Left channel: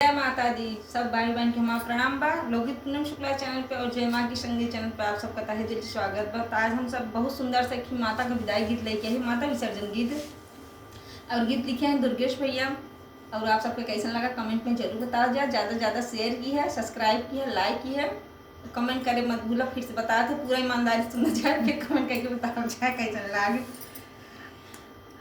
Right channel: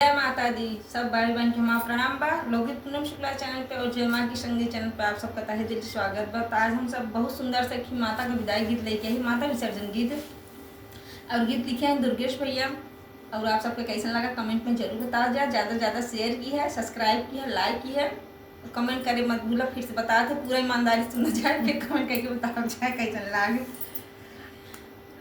जय माता दी। सब भाई बहन के माँ प्रणाम बा। लोकगीत पूनम शुक्ला चैनल पे और जय माँ की संगीत चैनल पे आप सबका तहे दिल से स्वागत बा। आज हम सब बहुत सुंदर से माता का विदाई गीत लेके आई, माता विसर्जन गीत। और गीत लिखे हैं दुर्गेश भैया। और आप सबको कैसा लगा कमेंट में जरूर बता जाए। ज़्यादा से ज़्यादा शेयर की है, सब्सक्राइब की है, लाइक की है, कमेंट करे मत भूला। फिर से बता दो, पूरा ईमानदारी सुना जाए, फिर कमेंट करके बता जाए कैसा लगा।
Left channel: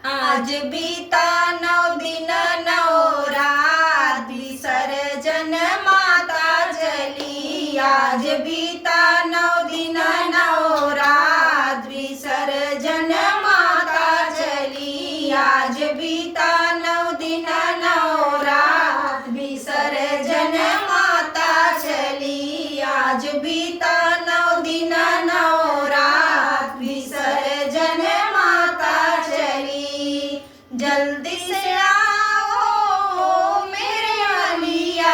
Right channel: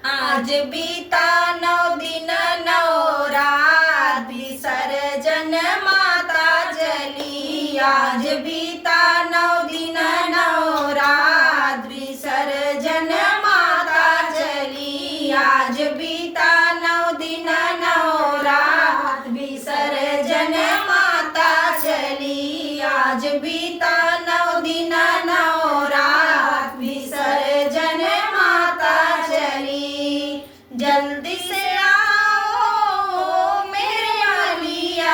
आज बीता 9 दिन 9 रात विसर्जन माता चली। आज बीता 9 दिन 9 रात विसर्जन माता चली। आज बीता 9 दिन 9 रात विसर्जन माता चली। आज बीता 9 दिन 9 रात विसर्जन माता चली। जल्दी से आओ मेरे मलिया,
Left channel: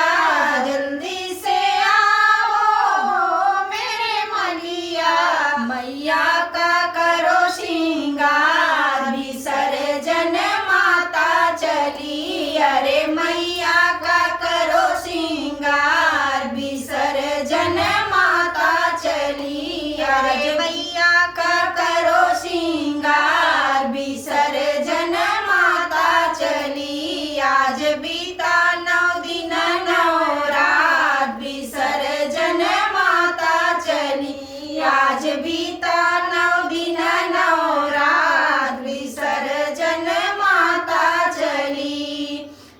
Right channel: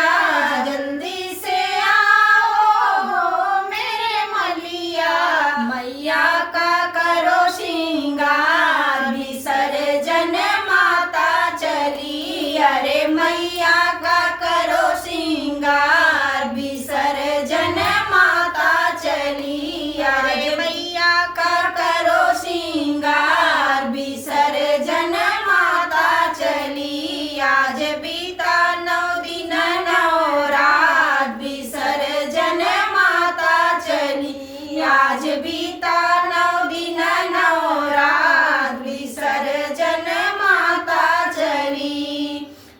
जल्दी से आओ मेरे मलिया। मैया का करो श्रृंगार विसर्जन माता चली। अरे मैया का करो श्रृंगार विसर्जन माता चली। अरे मैया का करो श्रृंगार विसर्जन माता चली। आज बीता 9 दिन 9 रात विसर्जन माता चली। आज बीता 9 दिन 9 रात विसर्जन माता चली।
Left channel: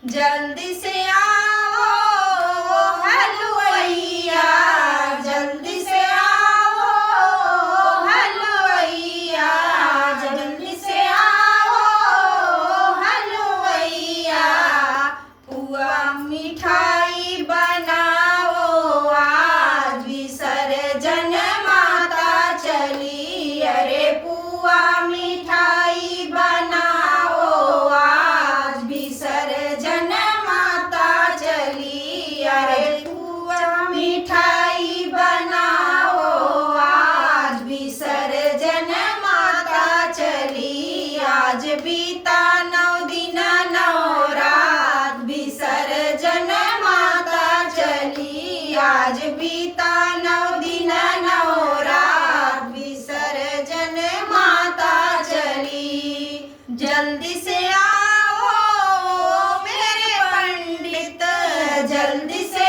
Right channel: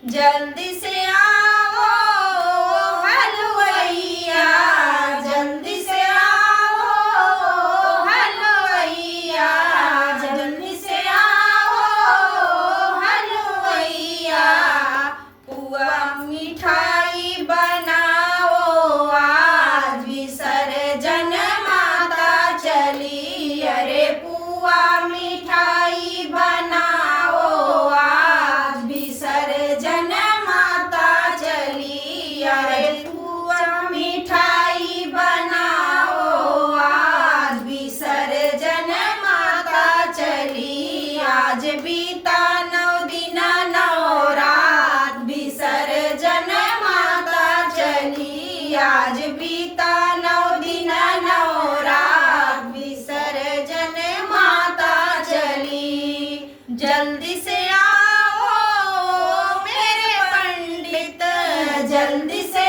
जल्दी से आओ हलवैया, जल्दी से आओ हलवैया, जल्दी से आओ हलवैया। पुआ मिठाई बनाओ, आज विसर्जन माता चली। अरे पुआ मिठाई बनाओ, आज विसर्जन माता चली। अरे पुआ मिठाई बनाओ, आज विसर्जन माता चली। आज बीता 9 दिन 9 रात विसर्जन माता चली। आज बीता 9 दिन 9 रात विसर्जन माता चली। जल्दी से आओ मेरे पंडित, जल्दी से